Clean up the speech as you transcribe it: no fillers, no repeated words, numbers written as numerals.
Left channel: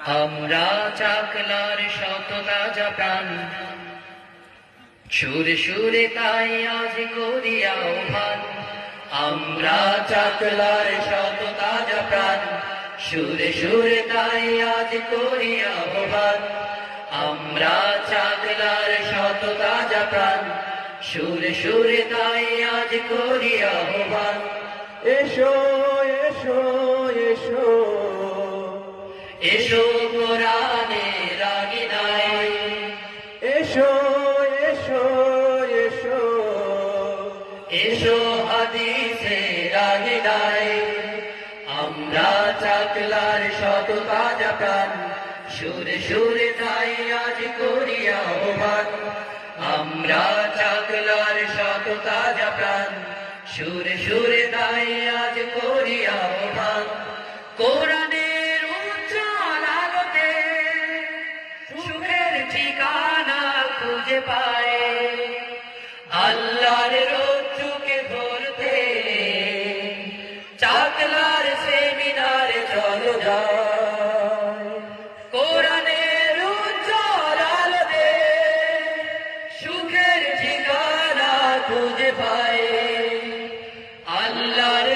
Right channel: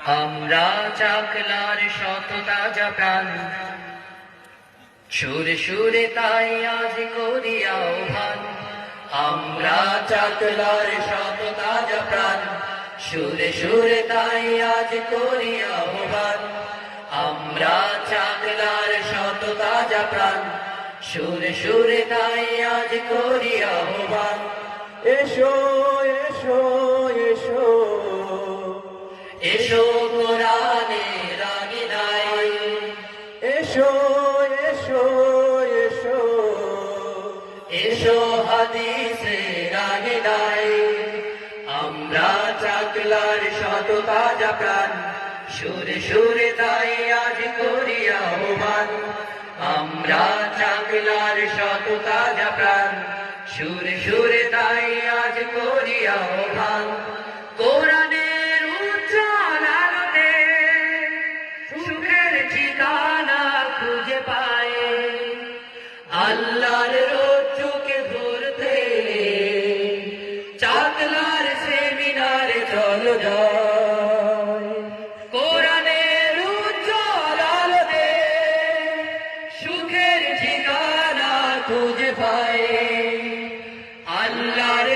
আমরা চাকলার শত তাজা প্রাণ, সুরে সুরে তাই আজ করি আহ্বান। আমরা চাকলার শত তাজা প্রাণ, সুরে সুরে তাই আজ করি আহ্বান। আমরা চাকলার শত তাজা প্রাণ, সুরে সুরে তাই আজ করি আহ্বান। এসো এসো এসো এসো কোরআনের আঙিনায়, এসো এসো এসো এসো হাদিসের আঙিনায়। আমরা চাকলার শত তাজা প্রাণ, সুরে সুরে তাই আজ করি আহ্বান। আমরা চাকলার শত তাজা প্রাণ, সুরে সুরে তাই আজ করি আহ্বান। কোরআনের উজ্জ্বল আলোতে সুখের ঠিকানা খুঁজে পায়, আল্লাহর রোজ চোখে ভরতে চাকলার সেমিনারে চলো যায়। কোরআনের উজ্জ্বল আলোতে সুখের ঠিকানা খুঁজে পায়, আল্লাহর